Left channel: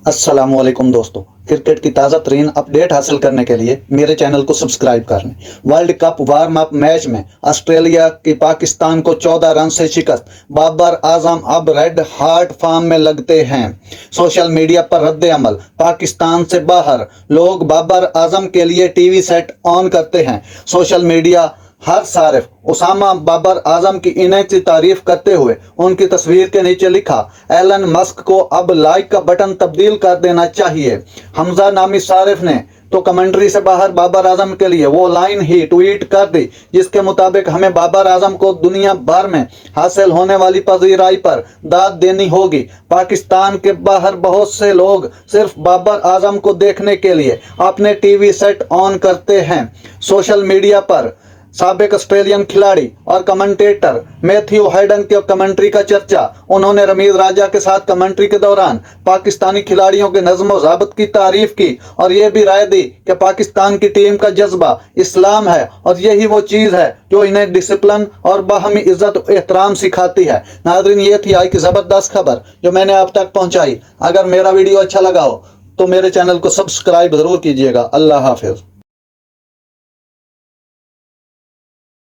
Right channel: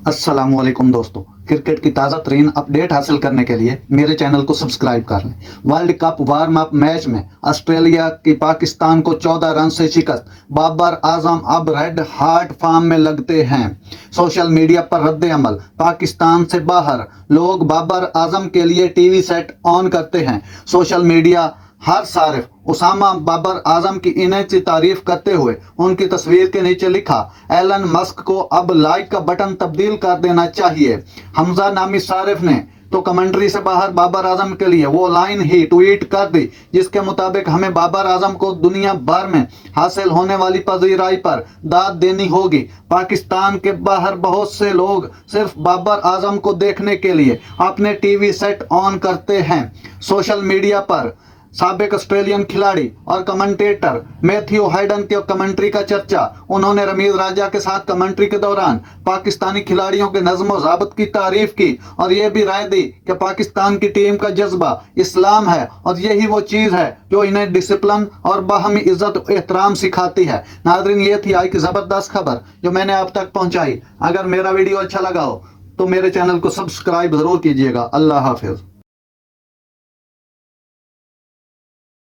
अस्सलाम वालेकुम दोस्तों, क्रिकेट की ताज़ा तरीन अपडेट हासिल करने के लिए मेरे चैनल को सब्सक्राइब कर लें। World cup warm up match में ऑस्ट्रेलिया की पाकिस्तान को 14 रन से शिकस्त। बाबर आजम अब रेड हार्ट फॉर्म में लगते हैं। सोशल मीडिया पर रद्द अमल, पाकिस्तान से बाहर लोग बाबर आजम के लिए टीवी सेट ऑन करते हैं। सोशल मीडिया हर सारिफ उसामा बाबर आजम की इन्हें तारीफ करते हुए उनकी तस्वीर के नीचे लिखा, एलन मस्क को अब लाइक का बटन तब्दील कर देना चाहिए। हमजा नामी सारिफ ने तो कमेंट्री से बाहर बाबर आजम के लिए वो लाइन ही ट्वीट कर दी जिसके मुताबिक हमें बाबर आजम को दुनिया भर में हासिल होने वाली पजीराई पर दाद देनी होगी। पाकिस्तान के बाहर बहुत से लोग सिर्फ बाबर आजम को देखने के लिए अपने टीवी सेट ऑन करते हैं। सोशल मीडिया पर साबिक ऑस्ट्रेलियन खिलाड़ी और कमेंटेटर मैथ्यू हाइडन के कमेंट्री का चर्चा। उन्होंने रमीज राजा के साथ कमेंट्री के दौरान पाकिस्तानी खिलाड़ियों के नज़्म व ज़ाब्त की तारीफ की और यह भी राय दी कि पाकिस्तान की टीम का जज्बा इस्लाम है और यही वो चीज़ है जो इन्हें डिसिप्लिन और बाहमी इज्जत और एहतराम सिखाती है। नाज़रीन, ये थी आज की ज़बरदस्त खबर जो मैंने आप तक पहुंचाई। अगर मेरा वीडियो अच्छा लगा हो तो मेरे चैनल को सब्सक्राइब ज़रूर कीजिएगा। अल्लाह हाफिज़।